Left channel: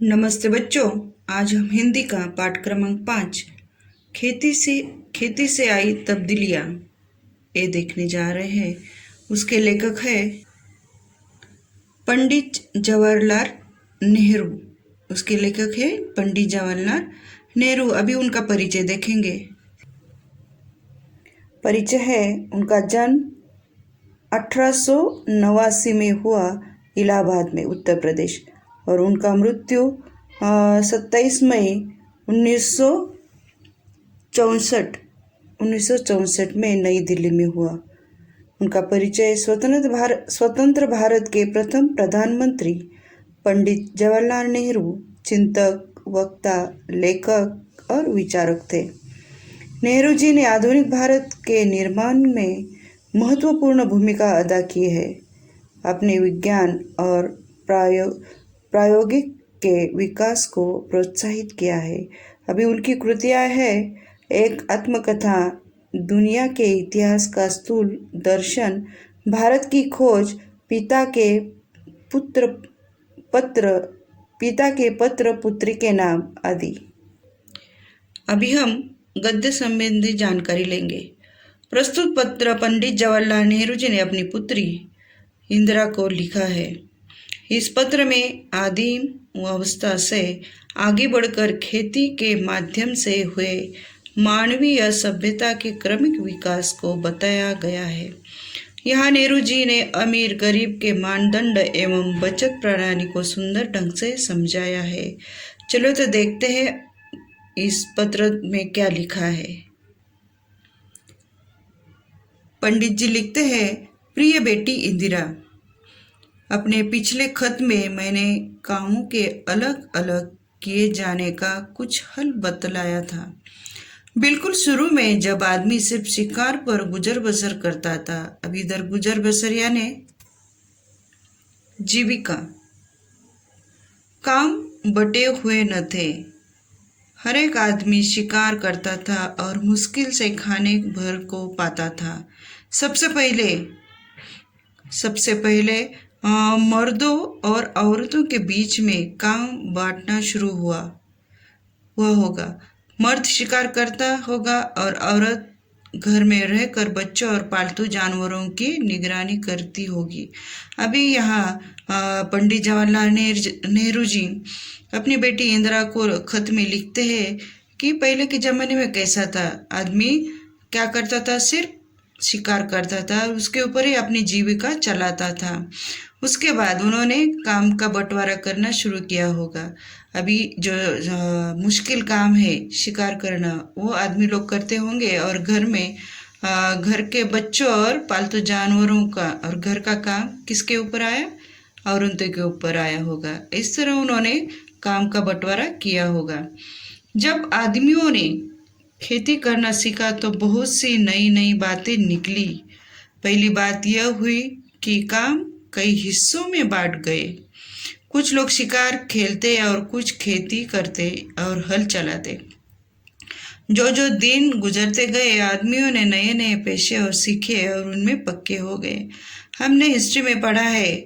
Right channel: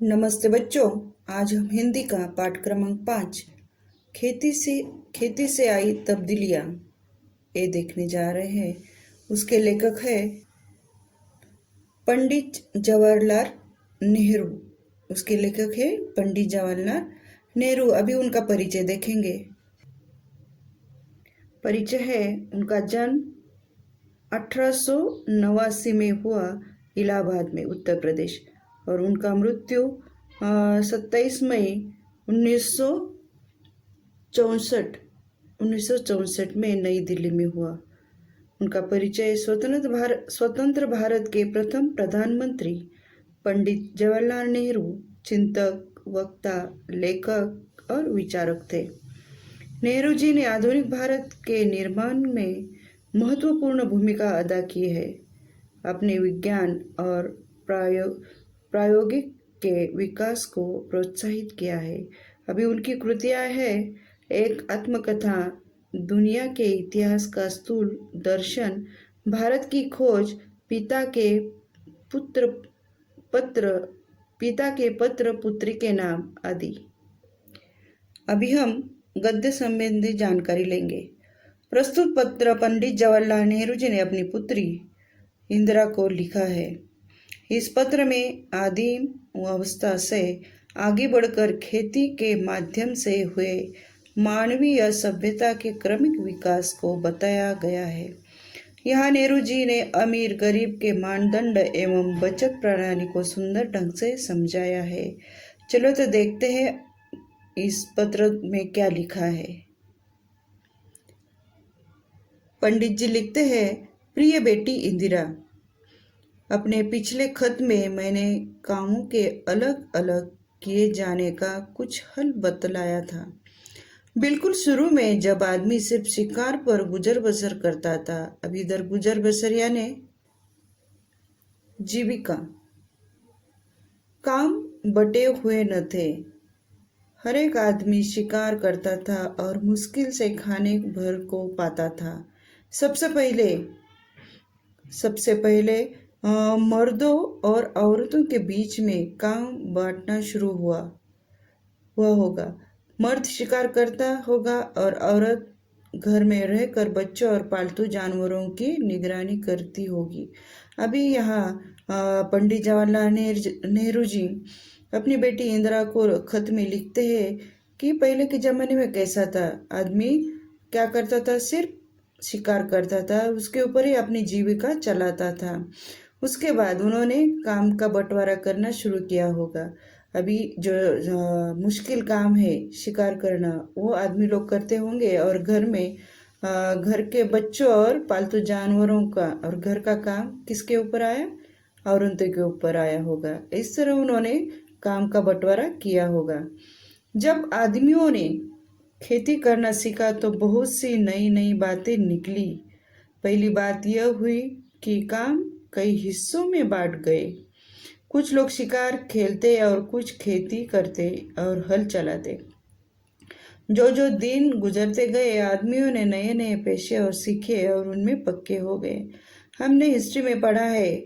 नमस्ते बच्चों। आज हम हिंदी का पाठ क्रमांक 5 खेती से आई तब्दीलियाँ ये देखने जा रहे हैं। उसके लेखक है पंडित जवाहरलाल नेहरू। उसके लेखक है पंडित जवाहरलाल नेहरू। अभी उनका परिचय देखेंगे। परिचय है, उनका जन्म 1889 में हुआ इलाहाबाद में, उत्तर प्रदेश, और उनका मृत्यु 27 मई 1964 में नई दिल्ली में हुआ। उनका परिचय स्वतंत्र भारत के प्रथम प्रधानमंत्री पंडित जवाहरलाल नेहरू चिंतक, वक्ता, लेखक और विचारक थे। नेहरू जी ने आधुनिक भारत के निर्माण में महत्वपूर्ण भूमिका अदा की है। अपने विज्ञान और प्रायोगिक के विकास को प्रोत्साहित किया है। अभी उनकी कृतियाँ हैं, एक आत्मकथा, दुनिया के इतिहास का स्थूल दर्शन, भारत की खोज, पिता के पत्र पुत्री के नाम आदि। अभी हम गद्य संबंधी जानकारी लेंगे। प्रस्तुत पत्र पंडित जवाहरलाल नेहरू जी ने अपनी पुत्री इंदिरा को लिखा है। इस पत्र में आदिम अवस्था से आगे बढ़कर खेती के माध्यम से हुए मानवीय सभ्यता के क्रमिक विकास को बताया गया है। यहाँ नेहरू जी ने अमीर गरीब के मानदंड एवं बचत प्रणाली को सुंदर ढंग से समझाया है। चलो तो देखते हैं इस पत्र में क्या लिखा है। पंडित जी लिखते हैं, प्रिय बेटी इंदिरा, अपने पिछले खत में मैंने कामों के अलग अलग किए जाने का कुछ हल बतलाया था। बिल्कुल शुरू में जब आदमी सिर्फ शिकार पर गुजर बसर करता था, अब इधर गुजर बसर यानी जीविका, काम बटे हुए न थे। हर एक आदमी शिकार करता था और मुश्किल से खाने भर को पाता था। सबसे पहले मर्दों और औरतों के बीच में काम बांटना शुरू हुआ होगा। मर्द शिकार करता होगा और औरत घर में रहकर बच्चों और पालतू जानवरों की निगरानी करती होगी। अभी यहाँ पंडित जवाहरलाल नेहरू जी अपनी बेटी इंदिरा को खत में लिखते हैं कि पहले के ज़माने में कैसा था। आदमी क्या करता था, सिर्फ शिकार करता था, उसके ऊपर ही अपनी जीविका चलाता था। उसके बाद उन्होंने काम का बंटवारा करना शुरू किया होगा। अभी जो मुश्किल काम है शिकार करना, वो आदमी लोग करते होंगे, और घर में घर के बच्चों और पालतू जानवरों का और घर का काम किसके ऊपर आया, औरतों के ऊपर आया होगा। इस तरह उन्होंने काम का बंटवारा किया होगा। जब आदमियों ने खेती करना सीखा तो बहुत सी नई नई बातें निकली। पहली बात यह हुई कि काम कई हिस्सों में बांट गए। कुछ लोग शिकार खेलते और कुछ खेती करते और हल चलाते। जो जो दिन गुजरते गए, आदमियों ने नए नए पेशे और सीखे और उनमें पक्के हो गए। हमने हिस्ट्री में पढ़ा है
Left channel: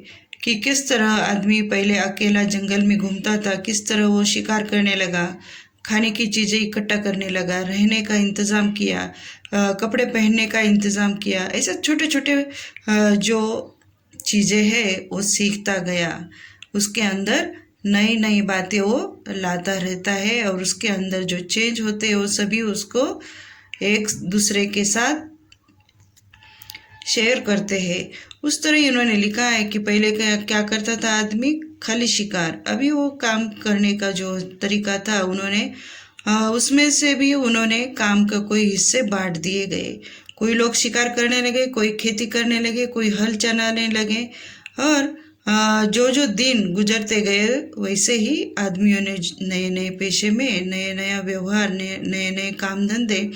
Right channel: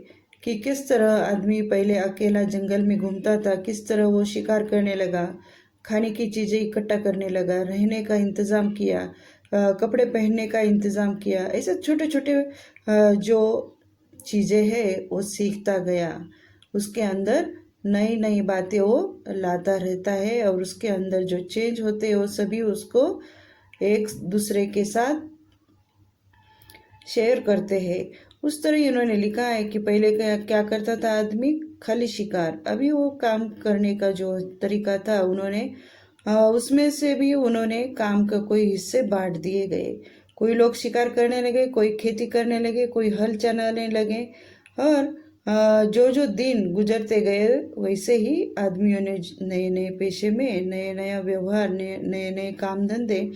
कि किस तरह आदमी पहले अकेला जंगल में घूमता था, किस तरह वो शिकार करने लगा, खाने की चीज़ें इकट्ठा करने लगा, रहने का इंतज़ाम किया, कपड़े पहनने का इंतज़ाम किया। ऐसे छोटे छोटे जो चीज़ें हैं वो सीखता गया। उसके अंदर नई नई बातें वो लाता रहता है और उसके अंदर जो चेंज होते हैं वो सभी उसको एक दूसरे के साथ शेयर करते हैं। उस तरह ही उन्होंने लिखा है कि पहले क्या करता था आदमी, खाली शिकार। अभी वो काम करने का जो तरीका था उन्होंने उसमें से भी उन्होंने काम का कोई हिस्से बांट दिए गए। कोई लोग शिकार करने लगे, कोई खेती करने लगे, कोई हल चलाने लगे, और जो जो दिन गुजरते गए वैसे ही आदमियों ने नए नए पेशे में नए नया व्यवहार, नए नए काम धंधे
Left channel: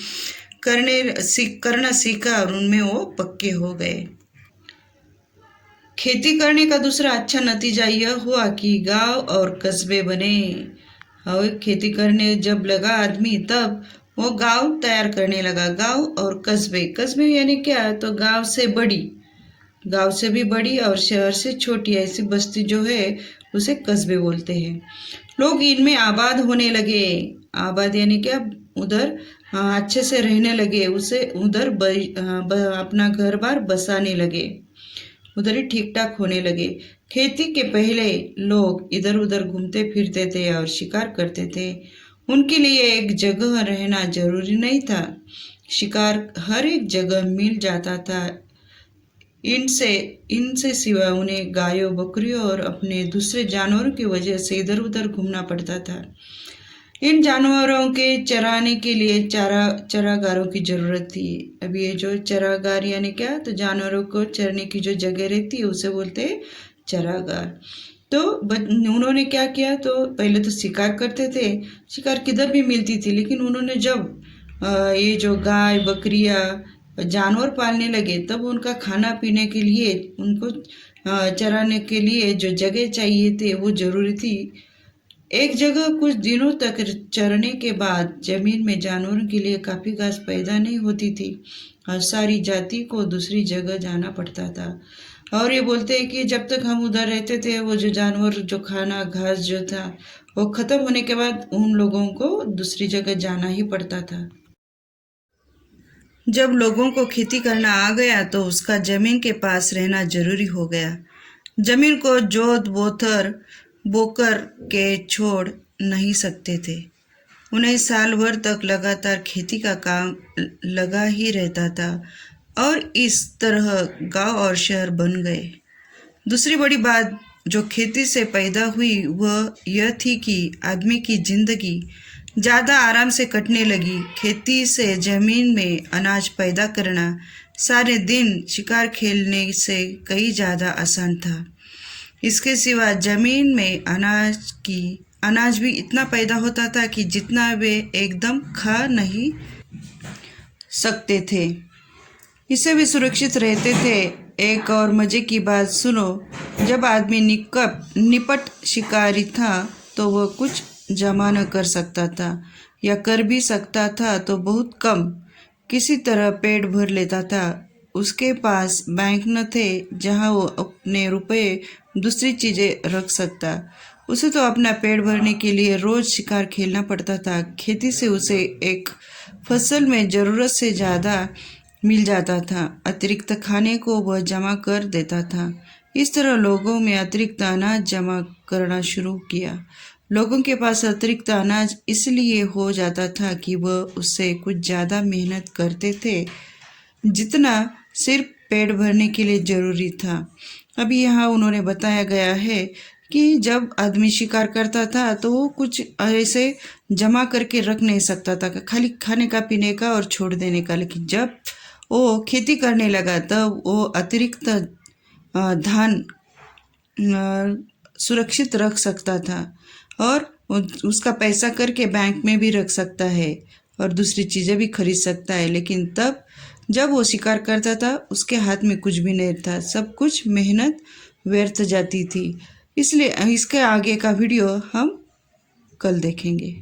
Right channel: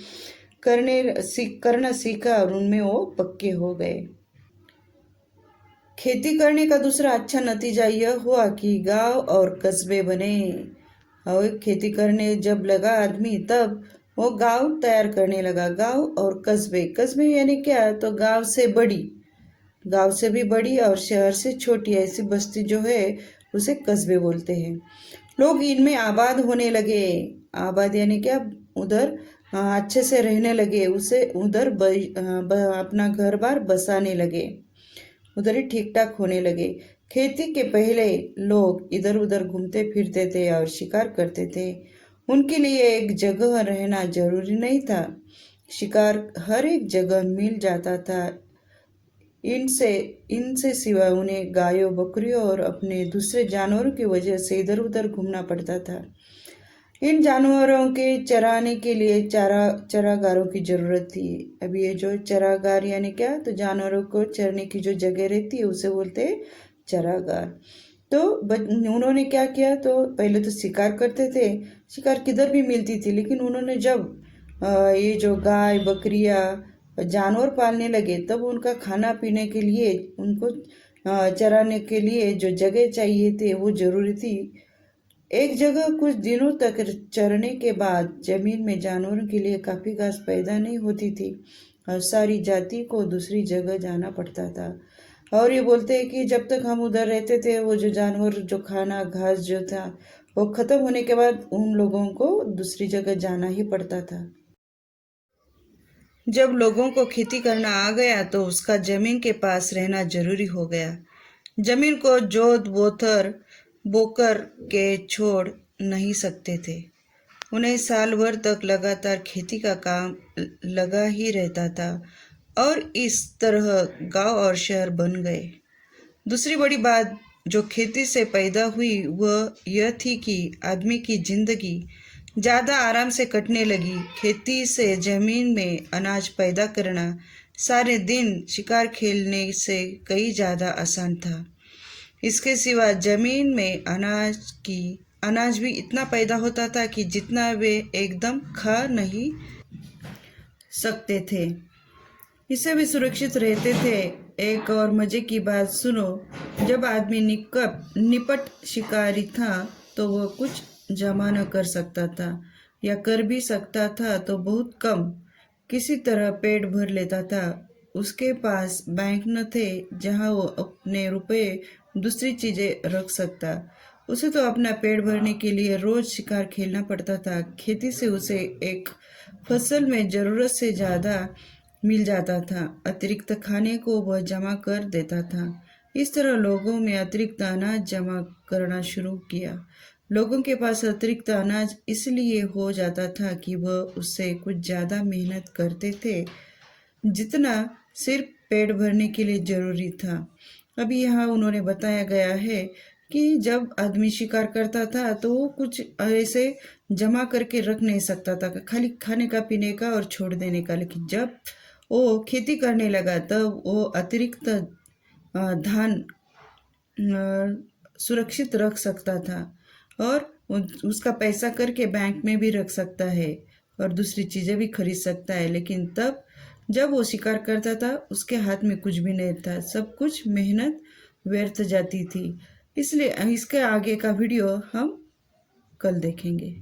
करना सीखा और उनमें वो पक्के हो गए। खेती करने का दूसरा अच्छा नतीजा यह हुआ कि गांव और कस्बे बने। और खेती करने जब लगा आदमी, तब वो गांव तैयार करने लगा। गांव और कस्बे यानी क्या, तो गांव से भी बड़ी और शहर से छोटी ऐसी बस्ती जो है उसे कस्बे बोलते हैं। लोग इनमें आबाद होने लगे। आबाद यानी क्या, उधर अच्छे से रहने लगे, उसे उधर अपना घर बार बसाने लगे, उधर ही ठीक ठाक होने लगे। खेती के पहले लोग इधर उधर घूमते फिरते थे और शिकार करते थे। उनके लिए एक जगह रहना जरूरी नहीं था। शिकार हर एक जगह मिल जाता था। इनसे इनसे सिवा उन्हें गायों, बकरियों और अपने दूसरे जानवरों की वजह से इधर उधर घूमना पड़ता था। इन जानवरों के चराने के लिए चरागारों की जरूरत थी। अब ये जो चरागार यानी क्या, तो जानवरों को चरने की जो जगह रहती है उसे बोलते हैं चरागार। तो उन्होंने क्या किया, तो पहले तो शिकार करते थे, शिकार किधर भी मिलती थी, लेकिन उन्होंने जब ये जो गाय, बकरियां, जानवर पालने लगे, तब उनका खाना पीने के लिए, उनको चराने के लिए जो जगह चाहिए थी वो जरूरी थी। एक जगह कुछ दिनों तक चरने के बाद जमीन में जानवरों के लिए काफी घास पैदा नहीं होती थी और सारी जाति को दूसरी जगह जाना पड़ता था। और ये बोलते हैं कि जब तक हम उधर रहते थे, वो जो जानवर, जो खाना घास जो था, वो खत्म होने के बाद उन लोगों को दूसरी जगह जाना ही पड़ता था। जब लोगों को खेती करना आ गया तो उसका जमीन के पास रहना जरूरी हो गया। जमीन को जोत बोतर बोकर के छोड़ नहीं सकते थे। उन्हें साल भर तक लगातार खेती का काम लगा ही रहता था और इस तरह गांव और शहर बन गए। दूसरी बड़ी बात जो खेती से पैदा हुई वह यह थी कि आदमी की जिंदगी ज़्यादा आराम से कटने लगी। खेती से जमीन में अनाज पैदा करना सारे दिन शिकार खेलने से कहीं ज़्यादा आसान था। इसके सिवा जमीन में अनाज भी इतना पैदा होता था कि जितना वे एकदम खा नहीं सकते थे, इससे वे सुरक्षित रहते थे। एक और मज़े की बात सुनो, जब आदमी निपट शिकारी था तो वह कुछ जमा न कर सकता था, या कर भी सकता था तो बहुत कम, किसी तरह पेट भर लेता था। उसके पास बैंक न थे जहां वो अपने रुपए दूसरी चीज़ें रख सकता। उसे तो अपना पेट भरने के लिए रोज़ शिकार खेलना पड़ता था। खेती से उसे एक फसल में ज़रूरत से ज़्यादा मिल जाता था। अतिरिक्त खाने को वह जमा कर देता था। इस तरह लोगों में अतिरिक्त अनाज जमा करना शुरू किया। लोगों के पास अतिरिक्त अनाज इसलिए हो जाता था कि वह उससे कुछ ज़्यादा मेहनत करते थे जितना सिर्फ पेट भरने के लिए ज़रूरी था। अभी यहाँ उन्होंने बताया गया है कि जब आदमी शिकार करता था तो वो कुछ ऐसे जमा करके रख नहीं सकता था, खाली खाने का, पीने का और छोड़ देने का। लेकिन जब वो खेती करने लगा तब वो अतिरिक्त धान सुरक्षित रख सकता था और उसका पैसा करके बैंक में भी रख सकता है और दूसरी चीज़ें भी खरीद सकता है। लेकिन तब जब वो शिकार करता था उसके हाथ में कुछ भी नहीं था, सब कुछ मेहनत व्यर्थ जाती थी। इसलिए इसके आगे का वीडियो हम कल देखेंगे।